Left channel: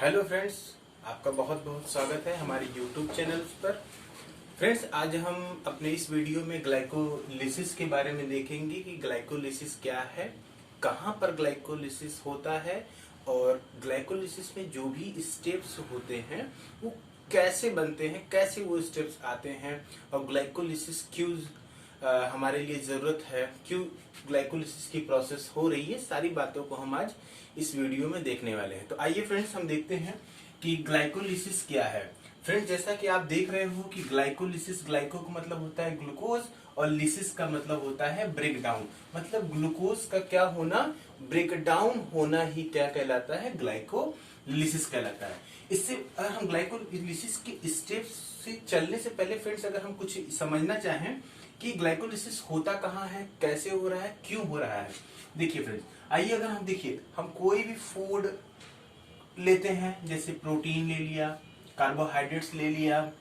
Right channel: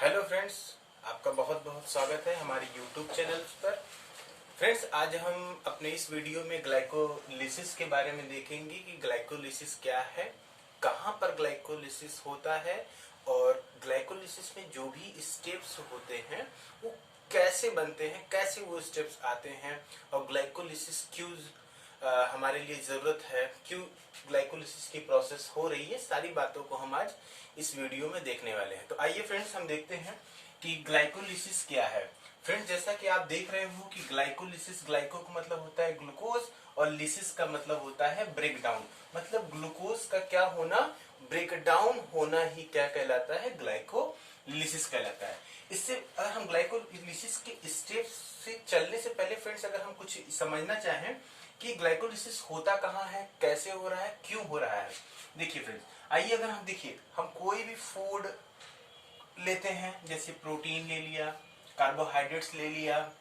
Hello friends, आपका बहुत बहुत स्वागत है हमारे यूट्यूब चैनल पर। फ्रेंड्स, आज हम अपने इस वीडियो में ग्लाइकोलिसिस के बारे में देखेंगे कि ग्लाइकोलिसिस क्या है, कहाँ पर ग्लाइकोलिसिस होता है और ग्लाइकोलिसिस में जो भी स्टेप्स होते हैं वो कैसे बनते हैं, कैसे वो स्टेप्स आते हैं और ग्लाइकोलिसिस क्यों हमारे लिए जरूरत है, क्यों ग्लाइकोलिसिस की प्रोसेस हो रही है। सारी बातों को हम आज इस वीडियो में देखने वाले हैं। तो आइए फ्रेंड्स, हम देखते हैं कि ग्लाइकोलिसिस क्या है। फ्रेंड्स, जैसा कि आप देख रहे हो कि ग्लाइकोलिसिस, ग्लाइको का मतलब होता है ग्लूकोज और लिसिस का मतलब होता है ब्रेक डाउन। मतलब ग्लूकोज का क्या होना, ब्रेक डाउन होना ही क्या कहलाता है, ग्लाइकोलिसिस कहलाता है। इससे अगर हम ग्लाइकोलिसिस के स्टेप्स से चलने से पहले फ्रेंड्स, अगर हम कुछ समझना चाहें कि ग्लाइकोलिसिस होता कहाँ है, कैसे हो रहा है, क्यों हो रहा है। देखिए फ्रेंड्स, आइए अगर हम देखिए, हम कोई भी फूड लेते हैं, जैसे प्रोटीन ले लिया, कार्बोहाइड्रेट्स ले लिया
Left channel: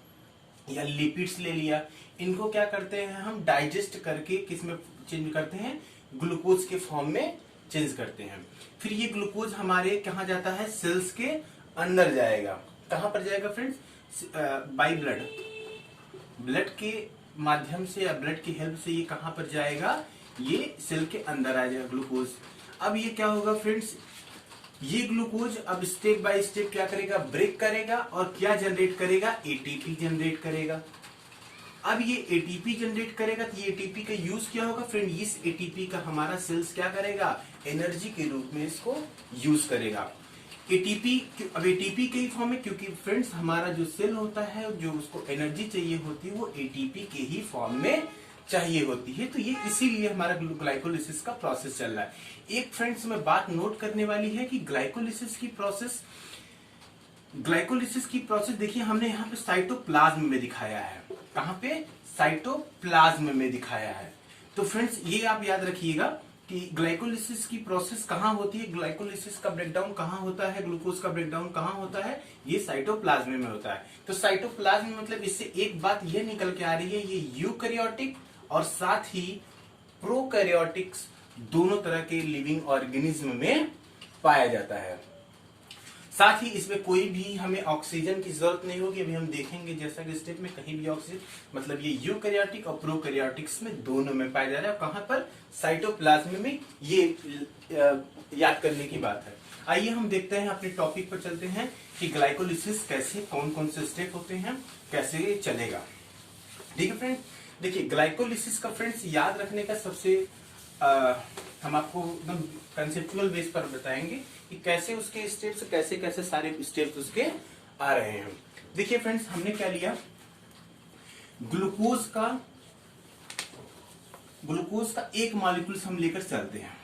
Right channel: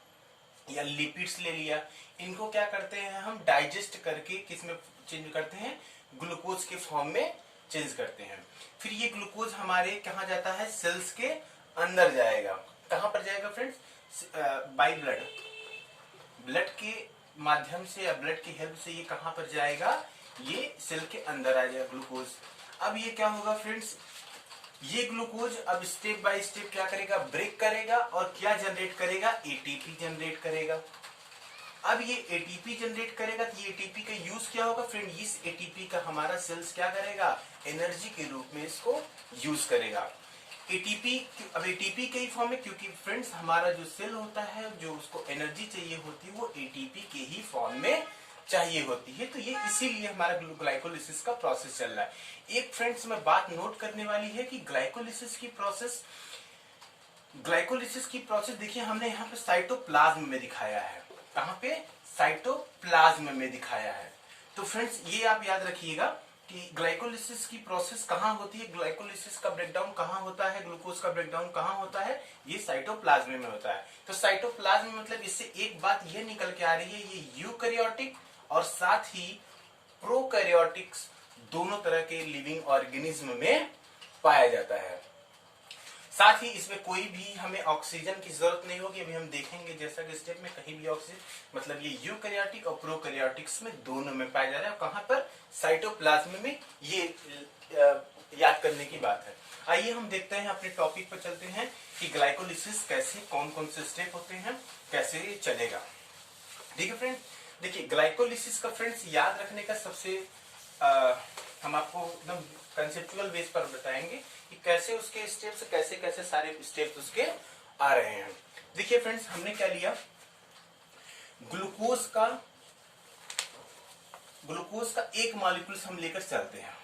या लिपिड्स ले लिया, इनको क्या करते हैं हम डाइजेस्ट करके किस में चेंज करते हैं, ग्लूकोज के फॉर्म में चेंज करते हैं। फिर ये ग्लूकोज हमारे कहाँ जाता है, सेल्स के अंदर जाएगा। कहाँ पर जाएगा फ्रेंड्स, बाय ब्लड, ब्लड के माध्यम से या ब्लड की हेल्प से ये कहां पर जाएगा, ये सेल के अंदर आ जाएगा ग्लूकोज। अब ये क्या होगा फ्रेंड्स, ये ग्लूकोज अब स्टेप बाय स्टेप क्या करेगा, ब्रेक करेगा और क्या जनरेट करेगा, एटीपी जनरेट करेगा। अब ये एटीपी जनरेट करेगा तो ये एटीपी का यूज क्या होगा फ्रेंड, इस एटीपी का हमारा सेल्स क्या करेगा, एनर्जी के रूप में इसको यूज करेगा। एटीपी, अब एटीपी के ही फॉर्म में, क्योंकि फ्रेंड्स हमारा जो सेल होता है, जो उसको एनर्जी चाहिए होती है वो एटीपी के ही फॉर्म में चाहिए होती है। तो ये इसीलिए हमारा ग्लाइकोलिसिस का प्रोसेस चल रहा है। एक फ्रेंड्स में बात नोट करने वाली है कि ग्लाइकोलिसिस की प्रोसेस देखिए, हमने यहाँ पे साइटोप्लाज्म में दिखाया है। कहाँ पे, साइटोप्लाज्म में दिखाया है। तो फ्रेंड्स ये आप याद रखिएगा कि ग्लाइकोलिसिस की प्रोसेस कहाँ होती है, ग्लाइकोलिसिस का ब्रेकडाउन कहाँ होता है, ग्लूकोज का ब्रेकडाउन कहाँ होता है, ये साइटोप्लाज्म में होता है। तो साइटोप्लाज्म मतलब इससे एक बात ये निकल के आ रही है, ये यूकैरियोटिक और साथ ही प्रोकैरियोटिक्स दोनों तरह के लिविंग ऑर्गेनिज्म में पाया जाता है। साथ ही इसमें कोई भी हमें ऑक्सीजन की जरूरत नहीं होगी। अभी हम देखेंगे जैसा कि स्टेप में कहीं भी ऑक्सीजन, मतलब ये यूकैरियोटिक और प्रोकैरियोटिक्स में दोनों में पाया जा रहा है। कहां पर, साइटोप्लाज्म में। ये याद करने की बात है। आइए हम देखते हैं, अपने टॉपिक पर चलते हैं कि ग्लाइकोलिसिस कैसे, कौन कौन से स्टेप होते हैं, कैसे ये चलेगा। ठीक है फ्रेंड, देखिए ग्लाइकोलिसिस का फ्रेंड्स याद रखने का सबसे हम आपको एकदम कंसेप्चुअल बेस पर बताएंगे कि कैसे उसके स्टेप्स, कैसे कैसे सारे स्टेप्स उसके आ रहे हैं। देखिए फ्रेंड्स, हमने क्या लिया, ग्लूकोज का एक मॉलिक्यूल हम लेकर चलते हैं।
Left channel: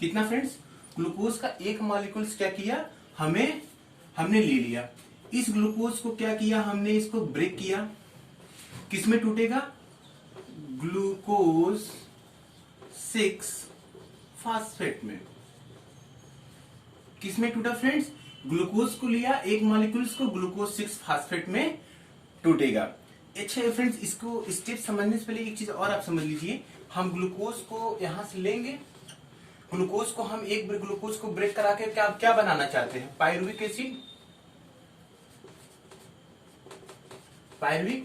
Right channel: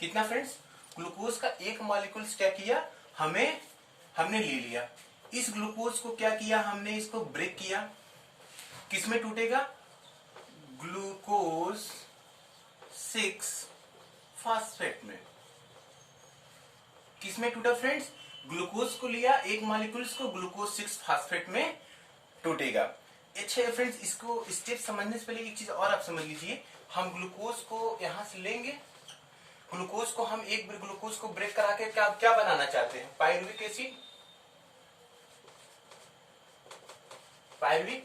कितना फ्रेंड्स, ग्लूकोज का एक मॉलिक्यूल क्या किया, हमने ले लिया। इस ग्लूकोज को क्या किया हमने, इसको ब्रेक किया। किसमें टूटेगा, ग्लूकोज 6 फास्फेट में। किसमें टूटा फ्रेंड्स, ग्लूकोज को लिया एक मॉलिक्यूल को, ग्लूकोज 6 फास्फेट में टूटेगा। अच्छा फ्रेंड्स, इसको स्टेप समझने से पहले एक चीज और आप समझ लीजिए, हम ग्लूकोज को यहां से लेंगे, ग्लूकोज को हम एक ग्लूकोज को ब्रेक करा के क्या बनाना चाहते हैं, पायरुविक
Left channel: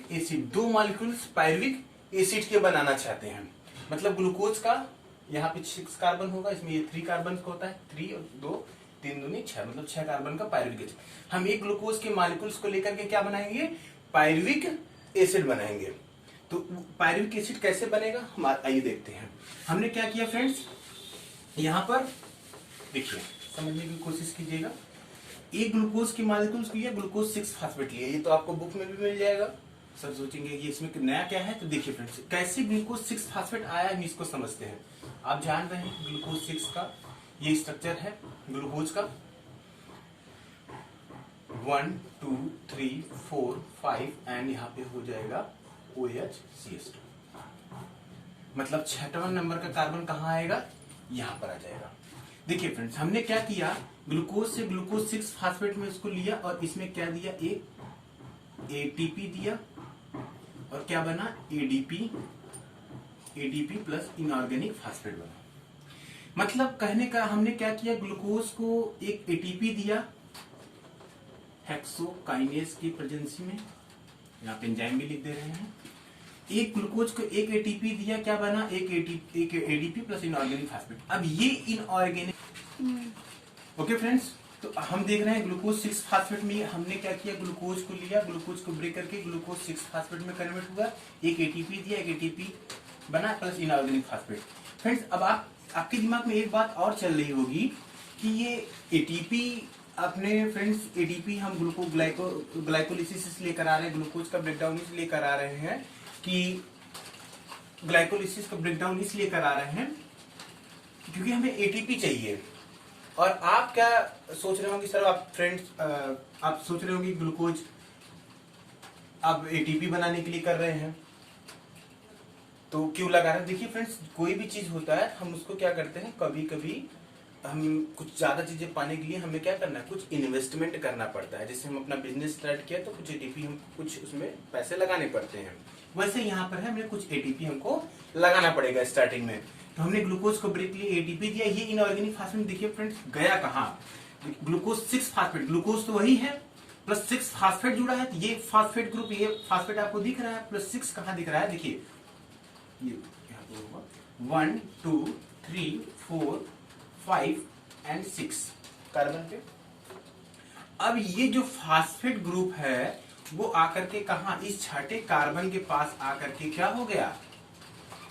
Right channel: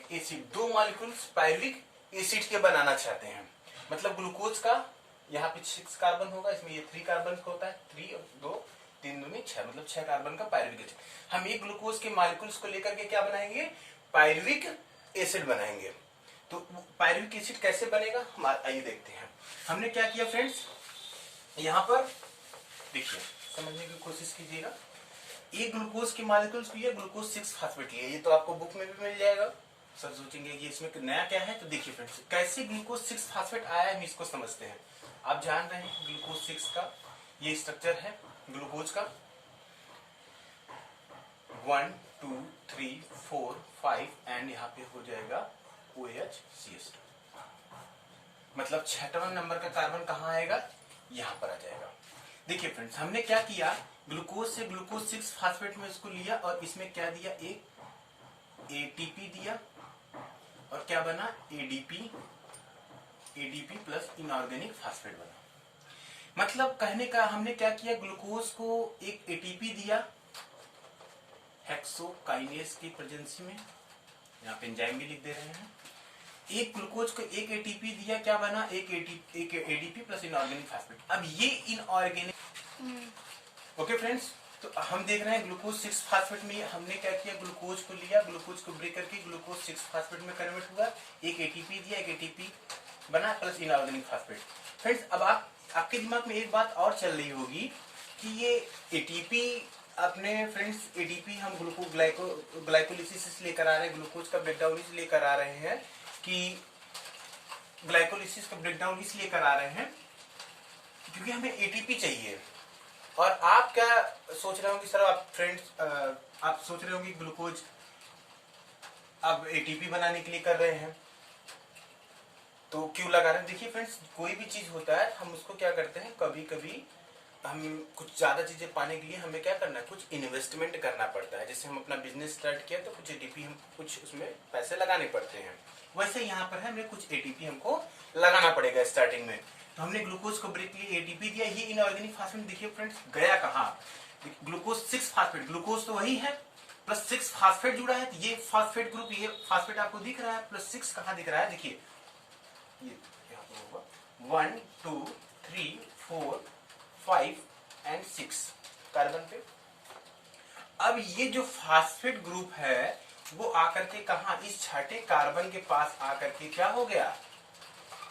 एसिड, दो मॉलिक्यूल्स पायरुविक एसिड के बनाना चाहते हैं। मतलब ग्लूकोज का यहाँ पे 6 कार्बन होगा, इसमें ये 3 कार्बन का होता है, 3 और 2 3 दूनी 6, मतलब 6 कार्बन का पायरुविक एसिड। हम एक ग्लूकोज के मॉलिक्यूल्स को लेकर के क्या बनाएंगे, पायरुविक एसिड बनाएंगे। तो पायरुविक एसिड कैसे बनेगा, हम आइए देखते हैं। हमने क्या किया फ्रेंड्स, यहाँ पर देखिए, समझने की कोशिश कीजिएगा। एक ग्लूकोज की मॉलिक्यूल्स लिया, ग्लूकोज 6 फास्फेट लिया, ये तो आपको बुक में भी मिल जाएगा। सब सोचेंगे कि इसमें नया क्या है, तो देखिए फ्रेंड्स कैसे ग्लूकोज 6 फास्फेट आया, हम इसको समझते हैं। आप जान रहे हैं ग्लूकोज 6 का ये स्ट्रक्चर है ग्लूकोज का, 1 2 3 4 5 एंड यहाँ पे हो जाएगा OHCH2। मतलब 6वां नंबर का कार्बन कहाँ आएगा, यहाँ पर आ जाएगा। देखिए फ्रेंड्स, हमने क्या किया, ग्लूकोज से ग्लूकोज 6 फास्फेट में इसको लिया और इसमें क्या दिया, एक एटीपी दिया और क्या बना, एडीपी प्लस इनऑर्गेनिक फास्फेट बना। मतलब कहने का हमने क्या किया, ग्लूकोज को एक एटीपी दिया हेक्सोकाइनेज की प्रेजेंसी में, यहाँ पे एंजाइम भी लिख दे रहे हैं। एक ग्लूकोज को एक एटीपी दिया, क्या बना, एक एडीपी प्लस इनऑर्गेनिक फास्फेट। अब ये इनऑर्गेनिक, ओके फ्रेंड्स, तो हम देख रहे हैं ग्लूकोज 6 फास्फेट में हमने क्या किया, ग्लूकोज को लिया, ग्लूकोज को ब्रेक करके ग्लूकोज 6 फास्फेट में कन्वर्ट हुआ, एक एटीपी दिया, एक एटीपी बना प्लस इनऑर्गेनिक फास्फेट। फ्रेंड्स, अब आपके दिमाग में एक बात और चल रही होगी कि ये एटीपी अपने फ्रेंड्स, एटीपी हम ग्लाइकोलिसिस से लेकर आ रहे हैं, ग्लूकोज का ब्रेकडाउन इसलिए लेकर आ रहे हैं कि ग्लाइकोलिसिस का ब्रेकडाउन इसलिए कर आ रहे हैं क्योंकि हमें एटीपी चाहिए। और आप क्या सोच रहे होंगे सर, आप फ्रेंड्स आप सोच रहे होंगे ग्लूकोज अब एटीपी बनाने के लिए कर रहे हैं तो क्यों लगा रहे हैं। देखिए फ्रेंड्स, कोई भी चीज होता है हम उसको क्या करते हैं, कभी कभी हम कुछ ज्यादा चीजें पाने के लिए हमें क्या करना है, कुछ इन्वेस्टमेंट करना पड़ता है। जैसे हम अपना बिजनेस स्टार्ट किया तो कुछ एटीपी हम कुछ उसमें पैसे लगाने पड़ते हैं, वैसे यहाँ पर है हमें कुछ एटीपी हमको लगाना पड़ेगा स्टार्टिंग में। तो हमने ग्लूकोज को ब्रेक लिए, एटीपी दिया, ये इनऑर्गेनिक फास्फेट देखिए फ्रेंड्स गया कहाँ, ग्लूकोज 6 फास्फेट, ग्लूकोज तो वही है प्लस 6 फास्फेट जुड़ा है, तो ये फास्फेट ग्रुप, ये फास्फेट आपको दिख रहा है, प्लस 6 कहाँ दिख रहा है, देखिए ये यहाँ पे होगा 1 2 3 4 5 एंड 6 कार्बन पे। अब ये जो फास्फेट ग्रुप है वो आकर के कहा, इस छठे कार्बन के पास आकर के क्या हो गया,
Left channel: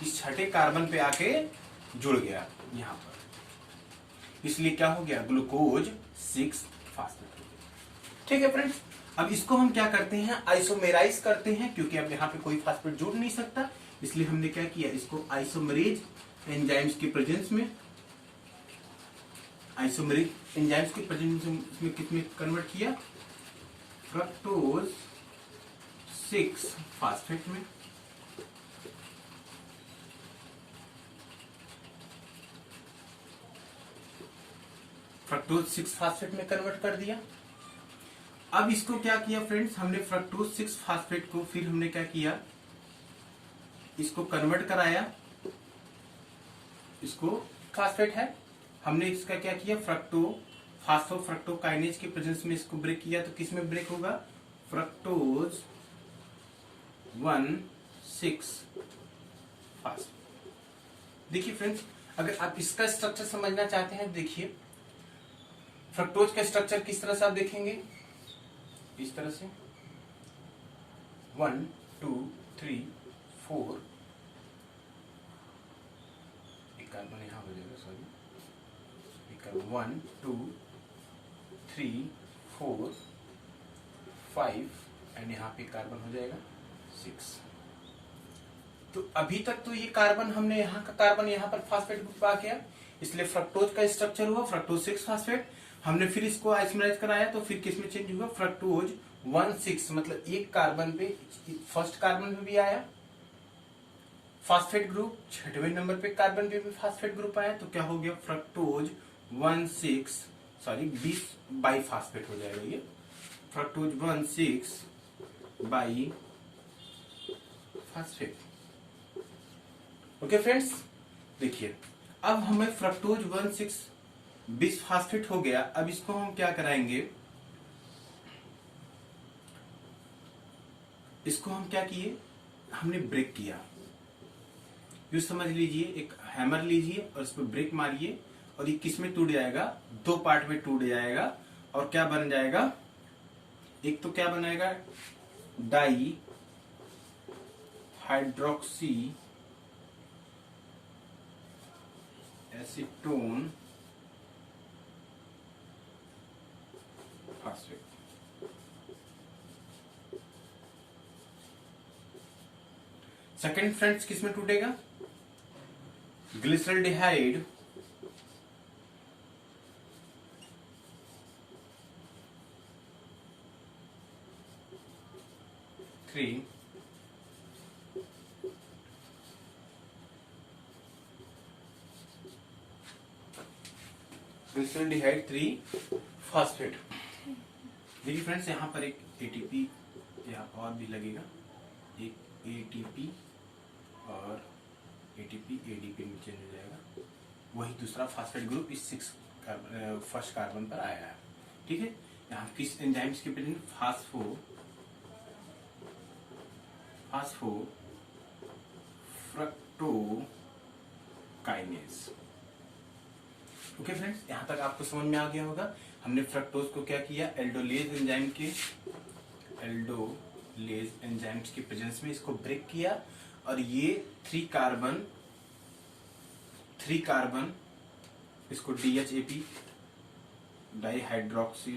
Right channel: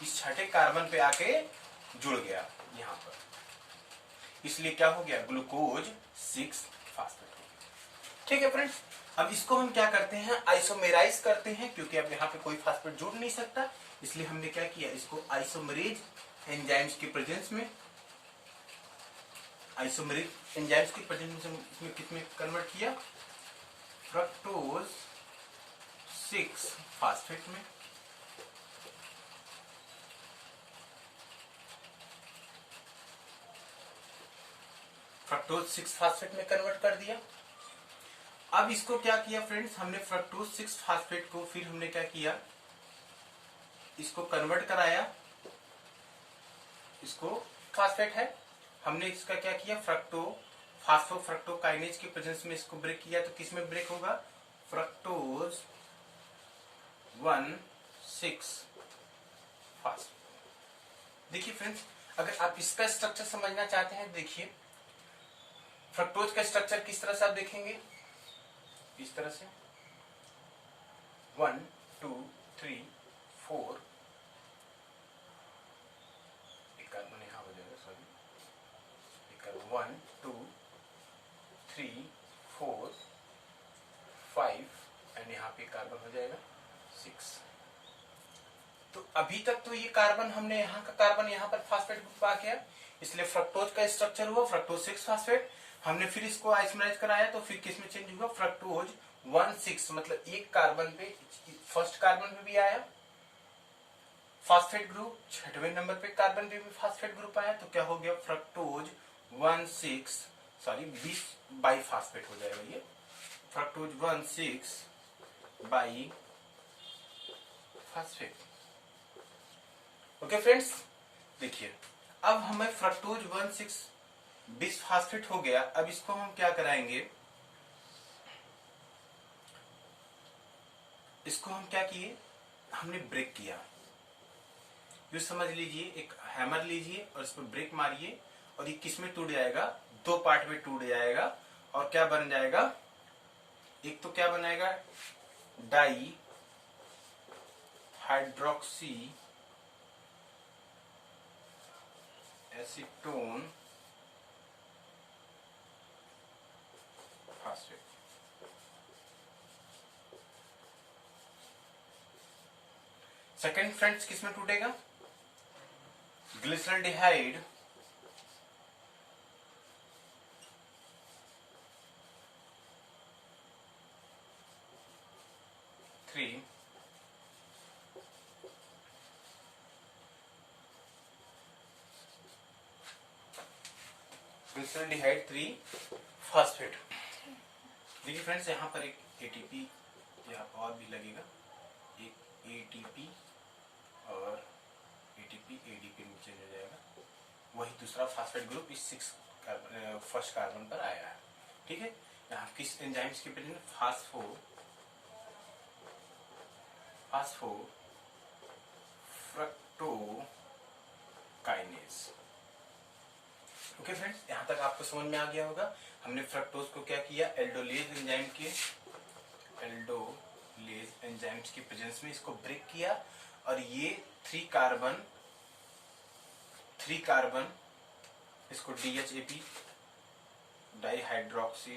इस छठे कार्बन पे आके जुड़ गया यहां पर, इसलिए क्या हो गया, ग्लूकोज 6 फास्फेट। ठीक है फ्रेंड्स, अब इसको हम क्या करते हैं, आइसोमेराइज करते हैं, क्योंकि अब यहाँ पे कोई फास्फेट जुड़ नहीं सकता, इसलिए हमने क्या किया, इसको आइसोमरेज एंजाइम्स की प्रेजेंस में, आइसोमरेज एंजाइम्स की प्रेजेंस में किसमें कन्वर्ट किया, फ्रक्टोज 6 फास्फेट में। फ्रक्टोज 6 फास्फेट में कन्वर्ट कर दिया। अब इसको क्या किया फ्रेंड्स, हमने फ्रक्टोज 6 फास्फेट को फिर हमने क्या किया, इसको कन्वर्ट कराया, इसको फास्फेट है, हमने इसका क्या किया, फ्रक्टोकाइनेज की प्रेजेंस में इसको ब्रेक किया, तो किस में ब्रेक होगा, फ्रक्टोज 1,6 फास्फेट। देखिए फ्रेंड्स, अगर आप इसका स्ट्रक्चर समझना चाहते हैं, देखिए फ्रक्टोज का स्ट्रक्चर किस तरह से आप देखेंगे, इस तरह से 1 2 3 4, एक कार्बन यहां हो जाएगा, सॉरी, 1 2 3 4 5 एंड यहाँ पे कार्बन हो जाएगा 6। तो अभी तक तो ये कार्बन हमने यहाँ का कार्बन यहाँ पर फास्फेट ग्रुप आ गया, इसलिए फ्रक्टोज का स्ट्रक्चर हुआ फ्रक्टोज 6 फास्फेट। हमने फिर इसको आइसोमराइज कराया तो फिर किसमें चेंज हुआ, फ्रक्टोज 1,6, मतलब एक कार्बन पे, फर्स्ट कार्बन पे भी आया फास्फेट ग्रुप, छठवें नंबर पे कार्बन पे भी फास्फेट ग्रुप आया, तो क्या हो गया, फ्रक्टोज 1,6, सॉरी 20 बाई फास्फेट हो जाएगा ये, fructose 1,6 by phosphate. Okay friends, देखिए अब हमें फ्रक्टोज 1,6 20 फास्फेट हो गया। अब इसको हम क्या कराएंगे, इसको हम क्या किए, हमने ब्रेक किया, यू समझ लीजिए, एक हैमर लीजिए और इस पर ब्रेक मारिए और ये किस में टूट जाएगा, दो पार्ट में टूट जाएगा, और क्या बन जाएगा, एक तो क्या बनाएगा, di hydroxy acetone phosphate. Second friends किस में टूटेगा, ग्लिसरल्डिहाइड ग्लिसरल्डिहाइड 3 फास्फेट। देखिए फ्रेंड्स, यहाँ पर एक एटीपी यहाँ और भी लगेगा, एक एटीपी और एटीपी एडीपी में चेंज हो जाएगा, वही दूसरा फास्फेट ग्रुप इस 6 फर्स्ट कार्बन पर आया है। ठीक है, यहाँ किस एंजाइम्स की प्रेजेंस, फास्फोफ्रक्टोकाइनेज। ओके फ्रेंड्स, यहां तक आपको समझ में आ गया होगा। हमने फ्रक्टोज को क्या किया, एल्डोलेज एंजाइम्स के प्रेजेंस में इसको ब्रेक किया और ये 3 कार्बन इसको DHAP डाईहाइड्रोक्सी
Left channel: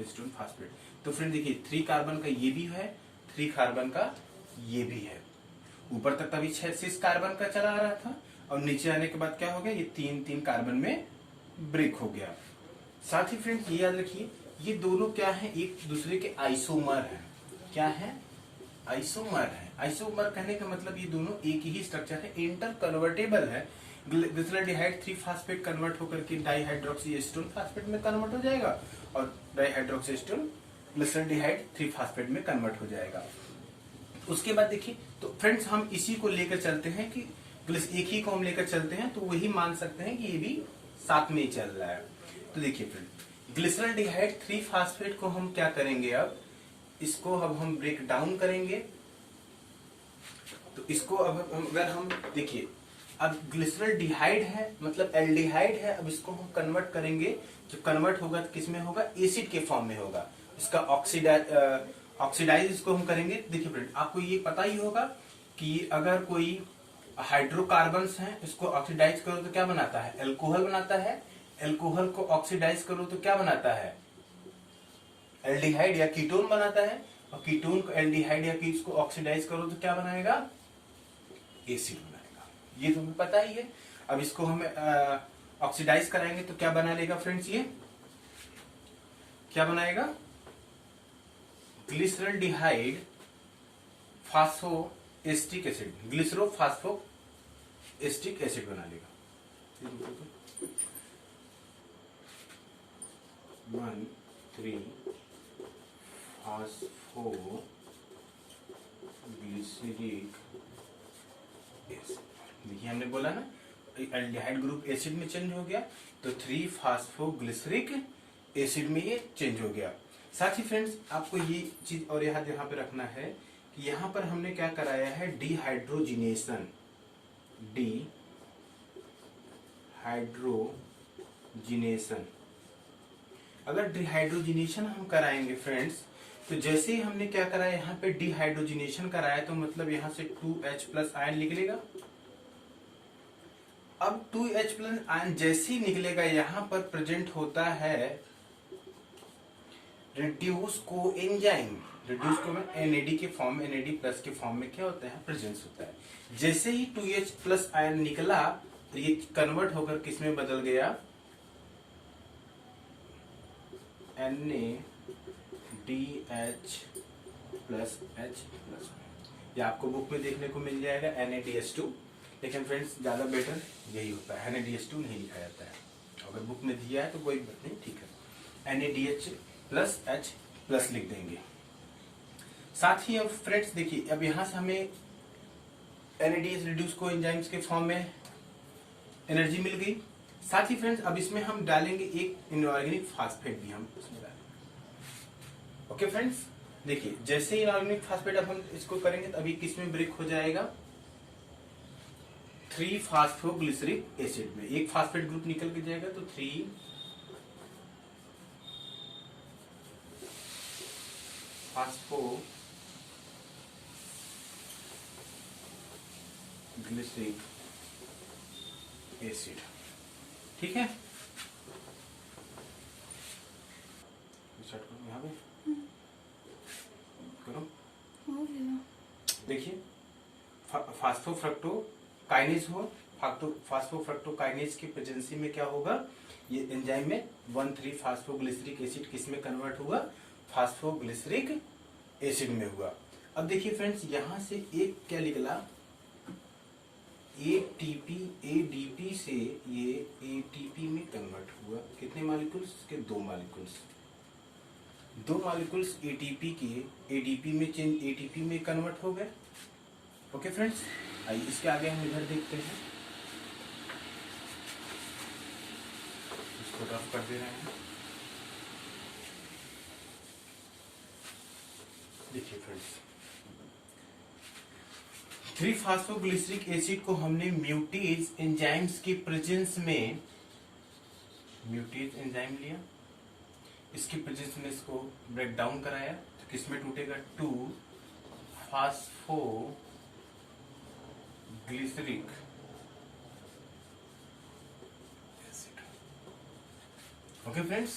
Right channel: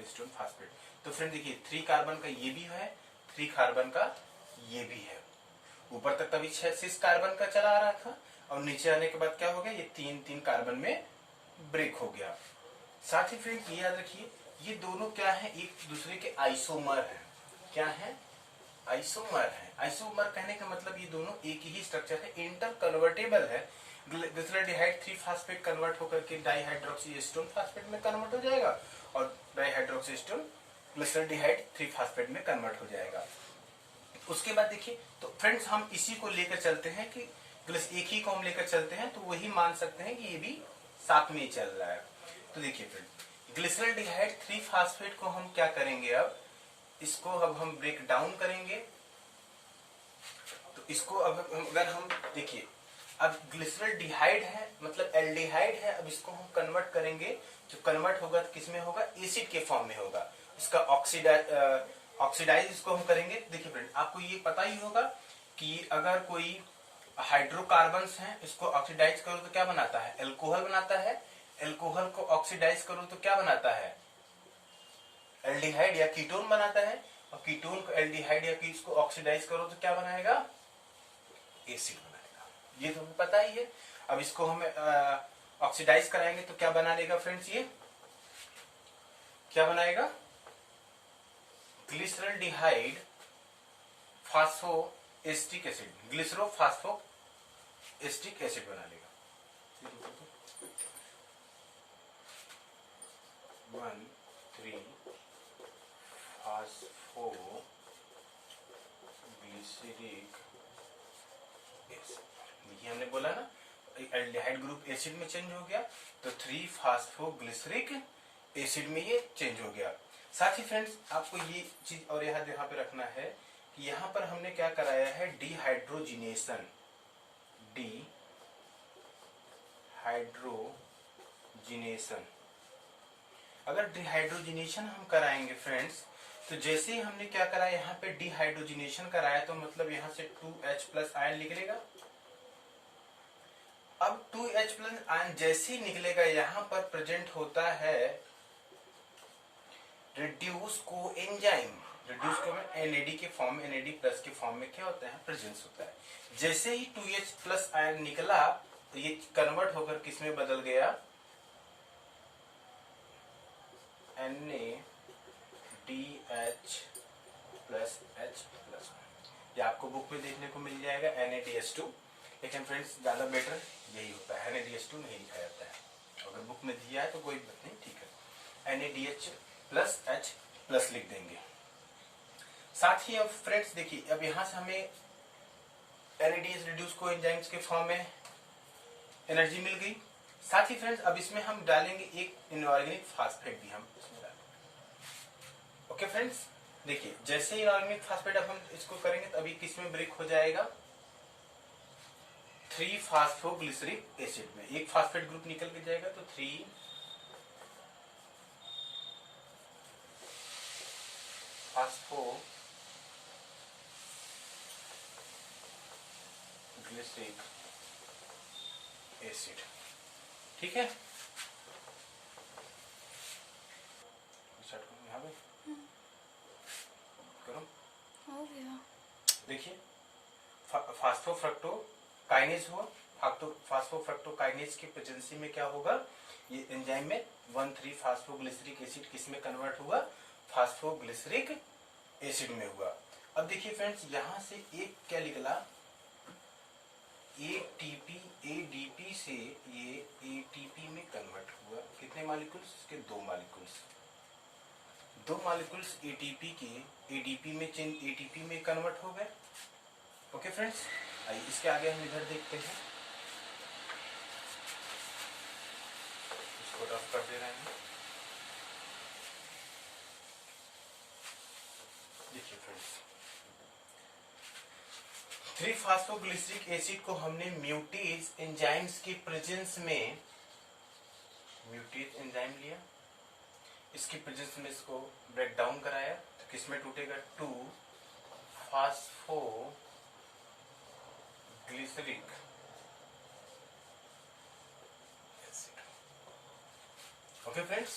एसीटोन फास्फेट। तो फ्रेंड देखिए 3 कार्बन का ये भी है, 3 कार्बन का ये भी है। ऊपर तक तभी 6 कार्बन का चला आ रहा था और नीचे आने के बाद क्या हो गया, ये 3 कार्बन में ब्रेक हो गया। साथ ही फ्रेंड्स ये याद रखिए, ये दोनों क्या है, एक दूसरे के आइसोमर है। क्या है, आइसोमर है। आइसोमर कहने का मतलब ये दोनों एक ही स्ट्रक्चर है, इंटर कन्वर्टेबल है। ग्लिसरॉल्डिहाइड 3 फास्फेट कन्वर्ट होकर के डाईहाइड्रोक्सी एसीटोन फास्फेट में कन्वर्ट हो जाएगा और डाईहाइड्रोक्सी एसीटोन ग्लिसरॉल्डिहाइड 3 फास्फेट में कन्वर्ट हो जाएगा। उसके बाद देखिए, तो फ्रेंड्स हम इसी को लेकर चलते हैं कि एक ही को हम लेकर चलते हैं तो वही मान सकते हैं कि ये भी साथ में ही चल रहा है। तो देखिए फ्रेंड, ग्लिसरॉल्डिहाइड 3 फास्फेट को हम क्या करेंगे, अब इसको अब हम ब्रेक डाउन करेंगे। तो इसको अब अगर हम देखिए, अब ग्लिसरॉल्डिहाइड है मतलब एल्डिहाइड है, अब इसको हम कन्वर्ट करेंगे। जो कन्वर्ट होगा तो किसमें होगा, एसिड के फॉर्म में होगा। इसका ऑक्सीडाइज इसको हम करेंगे। देखिए फ्रेंड, आपको ये पता ही होगा कि अगर कोई हाइड्रोकार्बन्स हैं, इसको ऑक्सीडाइज करो तो क्या बनाता है, एल्कोहल बनाता है। एल्कोहल को ऑक्सीडाइज करो तो क्या बनाता है, एल्डिहाइड या कीटोन बनाता है। और कीटोन को एल्डिहाइड या इसको ऑक्सीडाइज करो तो क्या बनाएगा, एसिड बनाएगा। ये तो हमें पता ही है। अब इसको हम ऑक्सीडाइज कराएंगे तो क्या बना लेगा फ्रेंड्स, ये क्या बनाएगा, ग्लिसरॉल्डिहाइड फास्फोएस्टिक एसिड, ग्लिसरोफास्फोएस्टिक एसिड बना लेगा। 1,3-फास्फोग्लिसरिक एसिड। देखिए हमने बोला ना, एल्डिहाइड ग्रुप एसिड में चेंज हो गया तो 3-फास्फोग्लिसरिक एसिड में ये चेंज हो गया। साथ ही फ्रेंड्स आपको ये चीज और यहाँ पे रखना है कि यहाँ पर हमने क्या कराया है, डिहाइड्रोजिनेशन अगर डिहाइड्रोजिनेशन हम कराएंगे फ्रेंड्स, तो जैसे ही हमने क्या कराया, यहाँ पे डिहाइड्रोजिनेशन कराया तो मतलब यहाँ से 2H+ आयन निकलेगा। अब 2H+ आयन जैसे ही निकलेगा, यहाँ पर प्रेजेंट होता है रिड्यूस कोएंजाइम। रिड्यूस को NAD के फॉर्म में, NAD+ के फॉर्म में क्या होता है, प्रेजेंस होता है। जैसे ही 2H+ आयन निकला तो ये कन्वर्ट होकर किस में बदल गया, NADH+H+। ये आपको बुक में देखने को मिल जाएगा NADH2, लेकिन फ्रेंड्स ज्यादा बेटर यही होता है, NADH2 नहीं लिखा जाता है। अगर बुक में दिया है तो कोई बात नहीं, ठीक है, NADH+H+ लिख देंगे। साथ ही अब फ्रेंड्स देखिए, अब यहां से हमें NADH रिड्यूस को एंजाइम्स के फॉर्म में एनर्जी मिल गई। साथ ही फ्रेंड्स अब इसमें हम डालेंगे एक इनऑर्गेनिक फास्फेट भी हम इसमें डालेंगे। ओके फ्रेंड्स, देखिए जैसे ही इनऑर्गेनिक फास्फेट अब हम इसको करेंगे तो अभी किस में ब्रेक हो जाएगा, 3-फास्फोग्लिसरिक एसिड में। एक फास्फेट ग्रुप निकल के जाएगा तो 3-फास्फोग्लिसरिक एसिड। ठीक है, यहाँ पे करो। देखिए फास्फोफ्रक्टोकाइनेज हो, फास्फोफ्रक्टोकाइनेज की प्रेजेंसी में क्या होगा, ये एंजाइम में 1,3-फास्फोग्लिसरिक एसिड किस में कन्वर्ट हुआ, फास्फोग्लिसरिक एसिड में हुआ। अब देखिए फ्रेंड्स, यहां से एक क्या निकला, ADP से ये ATP में कन्वर्ट हुआ। कितने मॉलिक्यूल्स के, 2 मॉलिक्यूल्स। 2 मॉलिक्यूल्स ATP के ADP में चेंज, ATP में कन्वर्ट हो गए। ओके फ्रेंड्स, आइए इसके आगे हम इधर देखते हैं। इसको रफ कर दे रहे हैं। फ्रेंड्स, 3-फॉस्फोग्लिसरिक एसिड को हमने म्यूटेज एंजाइम्स के प्रेजेंस में, म्यूटेज एंजाइम लिया, इसकी प्रेजेंस में इसको ब्रेक डाउन कराया, तो किसमें टूटेगा? 2-फॉस्फोग्लिसरिक एसिड। ओके फ्रेंड्स,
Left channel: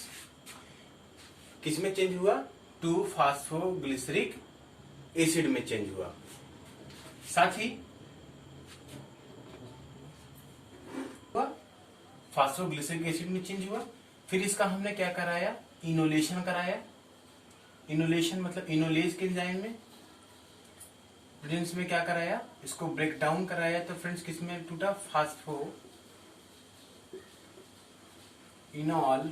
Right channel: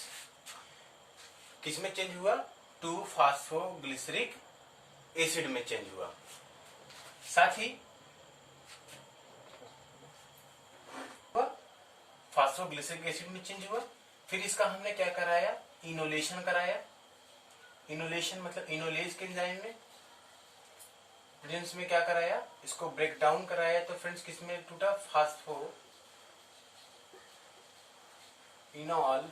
किसमें चेंज हुआ? 2-फॉस्फोग्लिसरिक एसिड में चेंज हुआ। साथ ही फॉस्फोग्लिसरिक एसिड में चेंज हुआ। फिर इसका हमने क्या कराया? इनोलेशन कराया। इनोलेशन मतलब इनोलेज के एंजाइम में प्रेजेंस में क्या कराया? इसको ब्रेक डाउन कराया। तो फ्रेंड्स किसमें टूटा? फास्फो इनॉल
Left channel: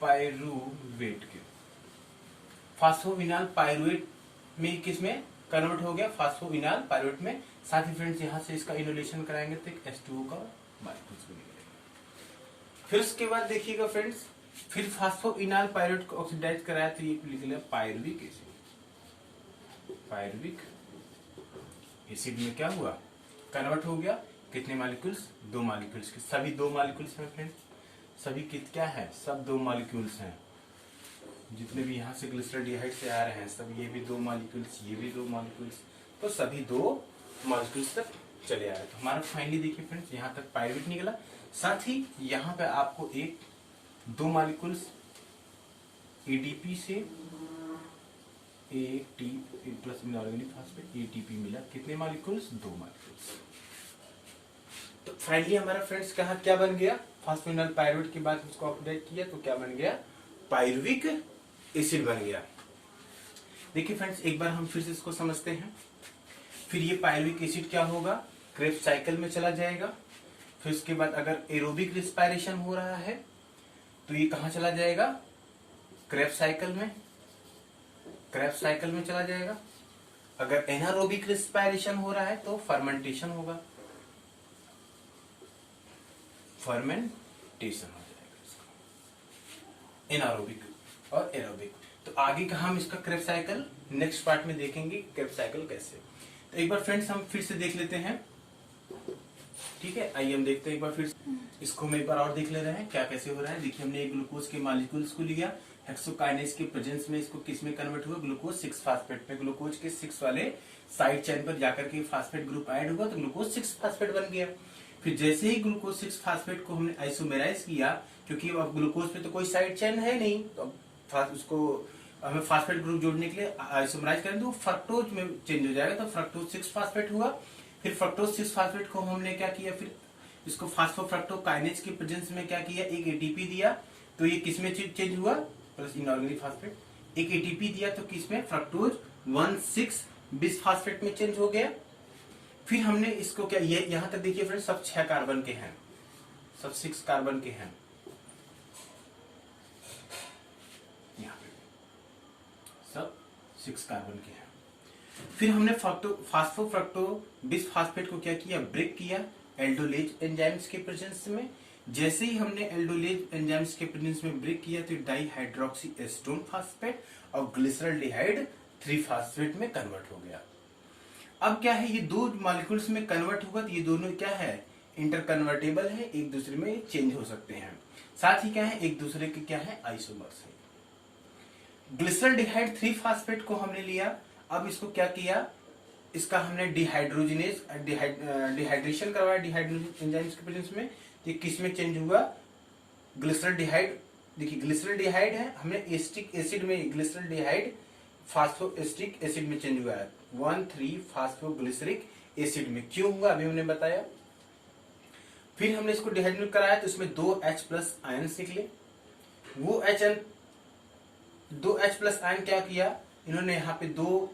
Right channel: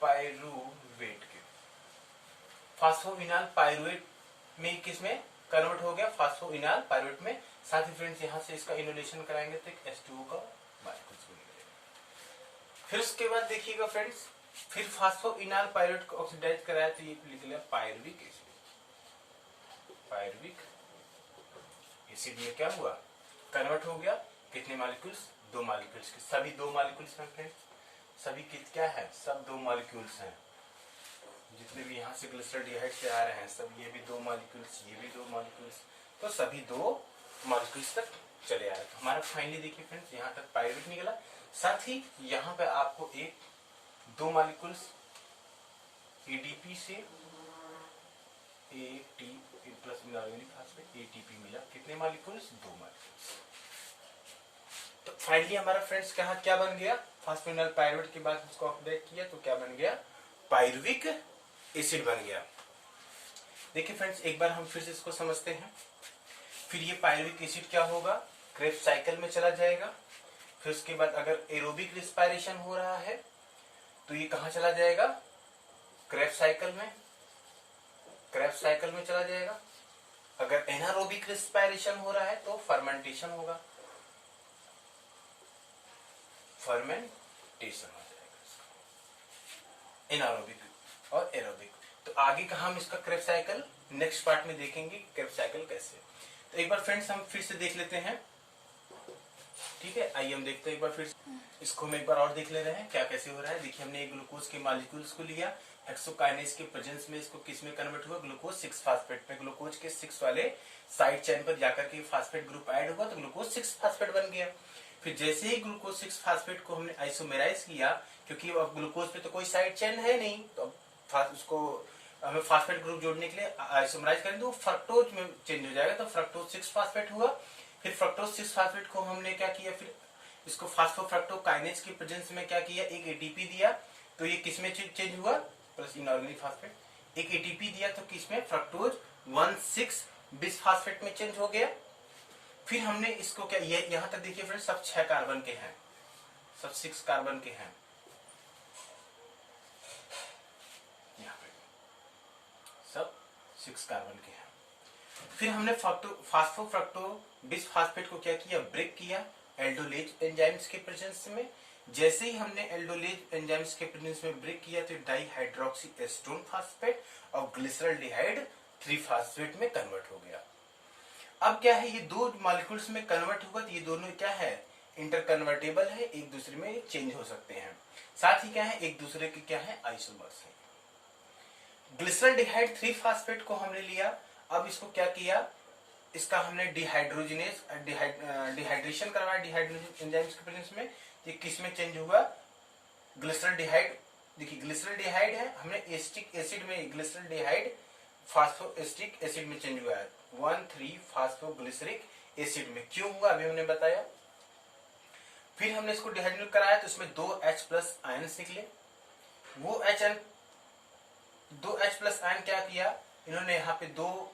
पायरुवेट के, फास्फोइनॉल पायरुवेट में किसमें कन्वर्ट हो गया? फास्फोइनॉल पायरुवेट में। साथ ही फ्रेंड्स यहां से इसका इनोलेशन कराएंगे तो H2O का मॉलिक्यूल्स भी निकलेगा। फिर उसके बाद देखिएगा फ्रेंड्स, फिर फास्फोइनॉल पायरुवेट को ऑक्सीडाइज कराया तो ये लिख लिया पायरुविक एसिड। पायरुविक एसिड में क्या हुआ? कन्वर्ट हो गया। कितने मॉलिक्यूल्स? 2 मॉलिक्यूल्स के। सभी 2 मॉलिक्यूल्स हैं फ्रेंड्स, सभी क्या है? सब 2 मॉलिक्यूल्स हैं। जितने भी यहाँ से ग्लिसरॉल्डिहाइड से आ रहे हैं सब, ये भी 2 मॉलिक्यूल्स, ये भी 2 मॉलिक्यूल्स, तो सभी 2 मॉलिक्यूल्स तक चले आ रहे। तो हमारा फाइनली देखिए फ्रेंड्स, यहाँ तक पायरुवेट निकला। साथ ही यहाँ पे आपको 2 मॉलिक्यूल्स एडीपी से ATP plus inorganic phosphate ATP मिला। कितने मॉलिक्यूल्स? 2 मॉलिक्यूल्स। तो फाइनली हमारा फ्रेंड्स कहा क्या बन गया? फास्फोइनॉल पायरुवेट के बाद उसको ऑक्सीडाइज किया तो क्या बन गया? पायरुविक एसिड बन गया। देखिए फ्रेंड्स, एक बार हम फिर से इसको समझते हैं। फिर ये पायरुविक एसिड क्या होगा? क्रेब्स साइकिल में चला जाएगा। फिर उसके बाद अगर एरोबिक रिस्पायरेशन हो रहा है तो ये कहां चला जाएगा? क्रेब्स साइकिल में, क्रेब्स साइकिल में चला जाएगा। अगर एनारोबिक रिस्पायरेशन हो रहा है तो फर्मेंटेशन होगा, फर्मेंटेशन हो जाएगा इसका, एनारोबिक और एरोबिक। तो आगे का हम इसका क्रेब्स साइकिल नेक्स्ट पार्ट में देखेंगे, क्रेब्स साइकिल कैसे। तो एक बार फ्रेंड्स हम फिर से देख लेते हैं, ठीक है। आइए हम देखते हैं एक बार फिर इसको हम एक बार और देख ले रहे हैं क्या कैसे हो रहा है। देखिए हमने एक ग्लूकोज के मॉलिक्यूल्स को लिया, हेक्सोकाइनेज के प्रेजेंस में इसको किस में कन्वर्ट हुआ? ग्लूकोज 6 फास्फेट में। ग्लूकोज के 6 वाले साइड चेन पर जाकर के फास्फेट ग्रुप ऐड हुआ तो ग्लूकोज 6 फास्फेट बन गया। फिर जैसे ही ग्लूकोज 6 फास्फेट को हमने आइसोमेराइज किया, क्योंकि अब ग्लूकोज पे तो कोई साइड चेन है नहीं, तो अब उसको हमें फास्फेट ग्रुप जोड़ने के लिए आइसोमेराइज करेंगे तो फ्रक्टोज में चेंज हो जाएगा, तो फ्रक्टोज 6 फास्फेट हुआ। फिर फ्रक्टोज 6 फास्फेट को हमने क्या किया? फिर इसको फास्फोफ्रक्टोकाइनेज की प्रेजेंस में क्या किया? एक एटीपी दिया, तो ये किसमें चेंज हुआ? Plus inorganic phosphate. एक एटीपी दिया तो किसमें? फ्रक्टोज 1,6 बिसफास्फेट में चेंज हो गया। फिर हमने इसको क्या, ये यहां तक देखिए फ्रेंड्स, सब 6 कार्बन के हैं, सब 6 कार्बन के हैं, यहाँ पे सब 6 कार्बन के हैं। फिर हमने फास्फोफ्रक्टो बिसफास्फेट को क्या किया? ब्रेक किया एल्डोलेज एंजाइम्स के प्रेजेंस में। जैसे ही हमने एल्डोलेज एंजाइम्स के प्रेजेंस में ब्रेक किया तो डाइहाइड्रोक्सी एस्टोन फास्फेट और ग्लिसरॉल्डिहाइड 3 फास्फेट में कन्वर्ट हो गया। अब क्या है, ये 2 मॉलिक्यूल्स में कन्वर्ट हुआ तो ये दोनों क्या है? इंटरकन्वर्टेबल है, एक दूसरे में चेंज हो सकते हैं। साथ ही क्या है? एक दूसरे के क्या है? आइसोमर्स है। ग्लिसरॉल्डिहाइड 3 फास्फेट को हमने लिया, अब इसको क्या किया? इसका हमने डिहाइड्रोजिनेज डिहाइड्रेशन करवाया डिहाइड्रोजिनेज एंजाइम्स के प्रेजेंस में। तो किस में चेंज हुआ? ग्लिसरॉल्डिहाइड, देखिए ग्लिसरॉल्डिहाइड है, हमने एस्टिक एसिड में ग्लिसरॉल्डिहाइड फास्फोएस्टिक एसिड में चेंज हुआ है 1,3 फास्फोग्लिसरिक एसिड में। क्यों हुआ अभी हमने बताया। फिर हमने इसको डिहाइड्रेट कराया तो इसमें 2 H प्लस आयन निकले। वो दो H प्लस आयन क्या किया इन्होंने? यहाँ पे 2,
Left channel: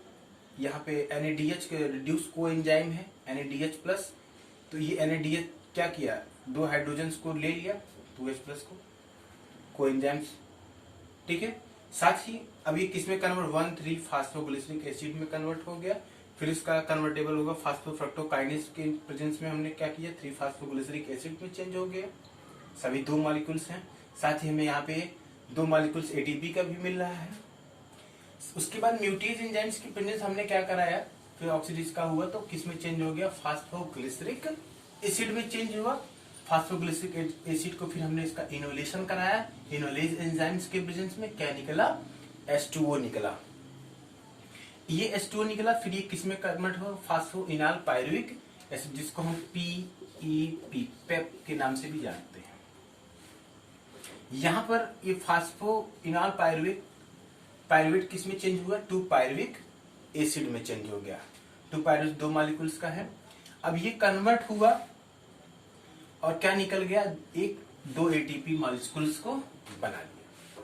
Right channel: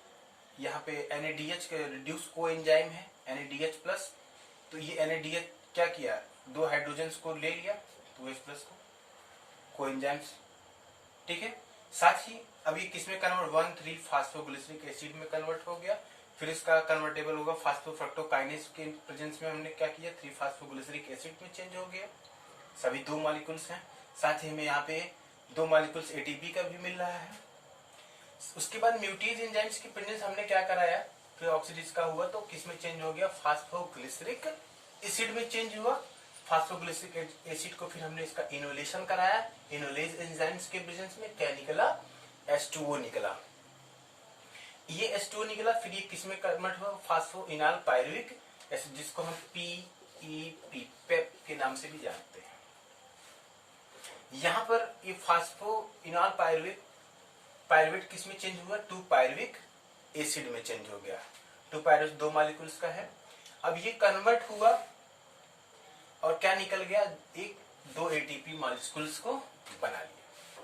यहाँ पे NADH के रिड्यूस को एंजाइम है NADH प्लस, तो ये NADH क्या किया? 2 हाइड्रोजन को ले लिया 2H प्लस को एंजाइम्स, ठीक है। साथ ही अब ये किसमें कन्वर्ट? 1,3 फास्फोग्लिसरिक एसिड में कन्वर्ट हो गया। फिर उसका कन्वर्टेबल होगा फास्फोफ्रक्टोकाइनेज के प्रेजेंस में हमने क्या किया? 3 फास्फोग्लिसरिक एसिड में चेंज हो गया। सभी 2 मॉलिक्यूल्स हैं। साथ ही हमें यहाँ पे 2 मॉलिक्यूल्स एटीपी का भी मिल रहा है। उसके बाद म्यूटेज एंजाइम्स की प्रेजेंस हमने क्या कराया, फिर ऑक्सीडेज का हुआ तो किस में चेंज हो गया, फास्फोग्लिसरिक एसिड में चेंज हुआ। फास्फोग्लिसरिक एसिड को फिर हमने इसका इनोलेशन कराया, इनोलेज एंजाइम्स के प्रेजेंस में क्या निकला, H2O निकला। ये H2O निकला, फिर ये किस में कन्वर्ट हुआ, फास्फोइनाल पायरुविक एसिड, जिसको हम PEP पेप के नाम से भी जानते हैं। यहां पर ये फास्फोइनाल पायरुवेट किस में चेंज हुआ, 2 पायरुविक एसिड में चेंज हो गया। 2 पायरुवेट 2 मॉलिक्यूल्स का है। अब ये कन्वर्ट हुआ और क्या निकल गया, 2 ATP मॉलिक्यूल्स को बना लिया।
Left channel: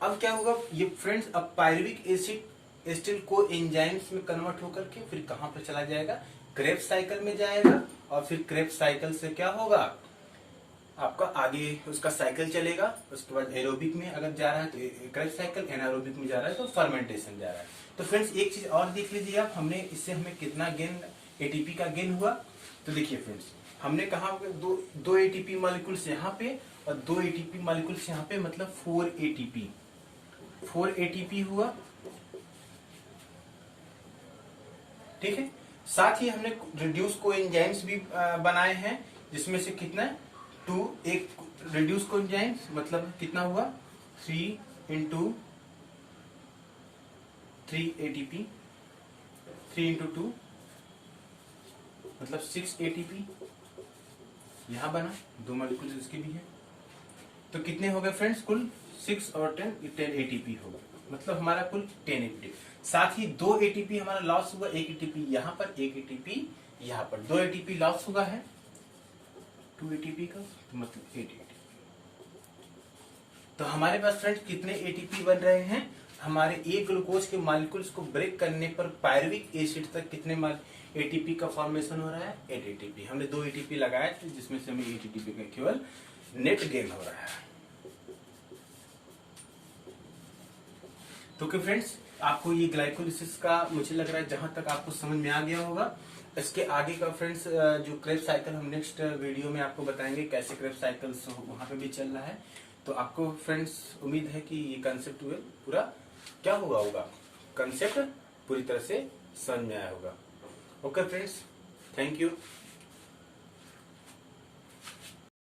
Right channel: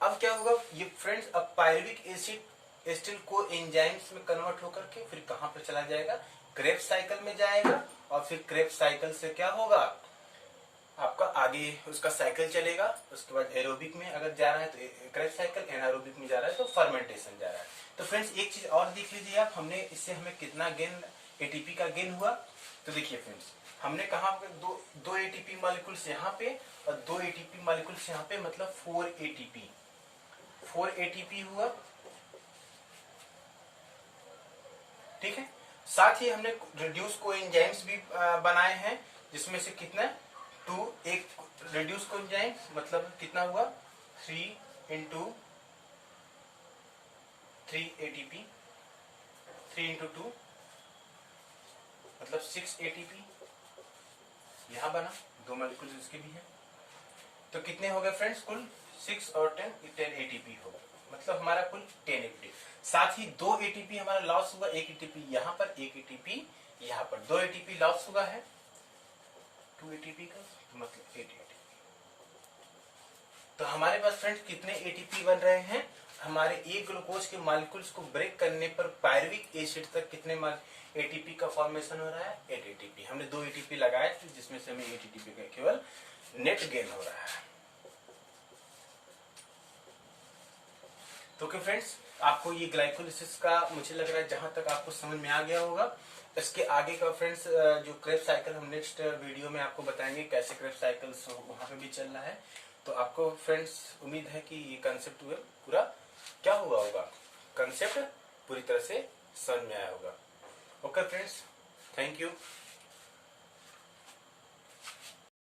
अब क्या होगा ये फ्रेंड्स, अब पायरुविक एसिड एस्टिल को एंजाइम्स में कन्वर्ट होकर के फिर कहां पर चला जाएगा, क्रेब्स साइकिल में जाएगा। और फिर क्रेब्स साइकिल से क्या होगा, आपका आगे उसका साइकिल चलेगा। उसके बाद एरोबिक में अगर जा रहा है तो क्रेब्स साइकिल, एनारोबिक में जा रहा है तो फर्मेंटेशन जा रहा है। तो फ्रेंड्स एक चीज और देख लीजिए आप, हमने इससे हमें कितना गेन, एटीपी का गेन हुआ। तो देखिए फ्रेंड्स, हमने कहा दो एटीपी मॉलिक्यूल्स यहाँ पे और 2 एटीपी मॉलिक्यूल्स यहाँ पे, मतलब 4 एटीपी हुआ। ठीक है, साथ ही हमने रिड्यूस कोएंजाइम्स भी बनाए हैं, जिसमें से कितना, 2 एक रिड्यूस कोएंजाइम्स मतलब कितना हुआ, 3 × 3 एटीपी, 3 × 2 मतलब 6 एटीपी यहां बना, 2 मॉलिक्यूल्स इसके भी है। तो कितने हो गए फ्रेंड्स, कुल 6 और 10 एटीपी हो गए, मतलब हमारा कुल 10 एटीपी। साथ ही 2 एटीपी हमारा लॉस हुआ, 1 एटीपी यहाँ पर, 1 एटीपी यहाँ पर, 2 एटीपी लॉस हुआ है 2 एटीपी का, तो मतलब 8 एटीपी। तो हमारे पास फ्रेंड्स कितने एटीपी बन रहे हैं, हमारे एक ग्लूकोज के मॉलिक्यूल्स को ब्रेक करने पर पायरुविक एसिड तक कितने एटीपी का फॉर्मेशन हो रहा है, 8 एटीपी। हमने 2 एटीपी लगाए थे, जिसमें से हमें 8 एटीपी का केवल नेट गेन हो रहा है। तो कि फ्रेंड्स आपको ये ग्लाइकोलिसिस का मुझे लग रहा है जहां तक आपको समझ में आ गया होगा। इसके आगे का फ्रेंड्स जो क्रेब्स साइकिल हम नेक्स्ट वीडियो में आपको बताएंगे, कैसे क्रेब्स साइकिल वहां पे भी चलना है। तो आपको फ्रेंड्स उम्मीद है कि ये कंसेप्ट पूरा क्या हुआ होगा, कंसेप्ट पूरी तरह से समझ में आया होगा। Okay friends, thank you.